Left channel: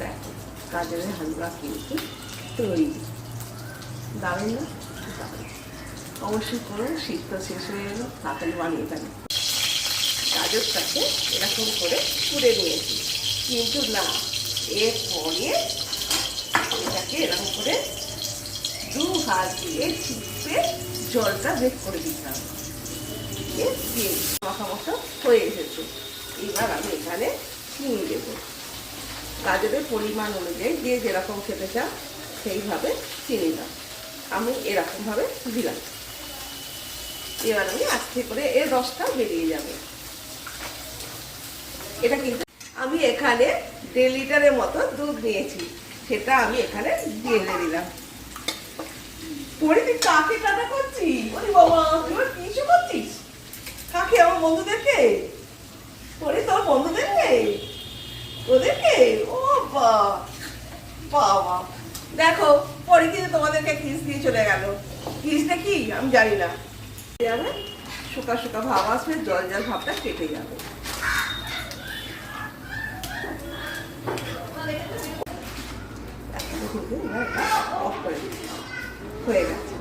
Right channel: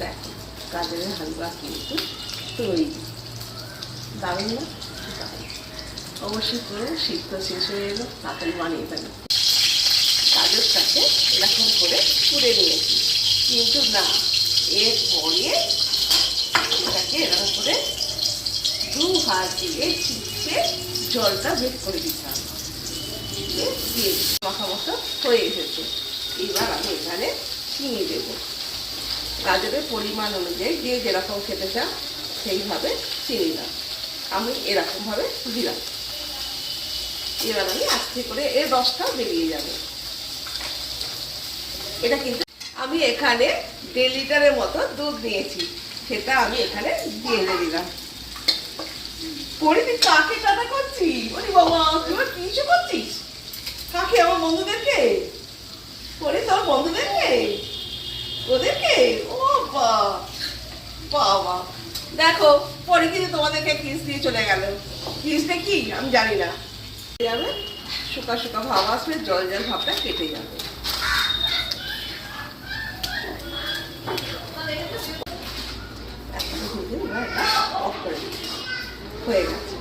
দেখো গাজরের হালুয়া কিন্তু তৈরি। দারুণ না? অবশ্যই পুরো সিদ্ধ শেষ হয়ে এলো, তাড়াতাড়ি বানিয়ে ফেলি। গাজরটাকে এরকম করে পুড়ে নিয়েছি, কিন্তু না, এরপরে এটাকে এরকম করে দু হাত দিয়ে চিপে জলটা বের করে দিতে হবে। দিয়ে মাখা মতো হয়ে এসেছে। এবার আমি এখানে চিনি দেবো গাজরের পরিমাণ অনুযায়ী, দিয়ে যেরকম খেতে চান সেইভাবে চিনি দেন। আমি এরকমভাবে দিলাম। এবার আমি আস্তে করে এর রসটা বেরিয়ে যাবে। এটা কিন্তু আমি এখানে 1.5 লিটারের মতো দুধ নিয়েছি, সেটা আমি এখানে দিয়ে দিলাম। পরে তুই কাকে কাটা করছিস? ওরে বাবা, তুই কিছু করছিস কাকে? আমার বন্ধুদেরকে? পরে তোর বন্ধুদেরকে, ওদেরকে? ও বাবা, দেখো পরে কিন্তু তোমাদেরকে কিস দিয়ে চলে গেল। কিসটা কি আমি জানি না। যাবে শুকা শুকা ভাব আসবে, জল জল ভাবটা কেটে যাবে। অফ করে হয়ে গেছে।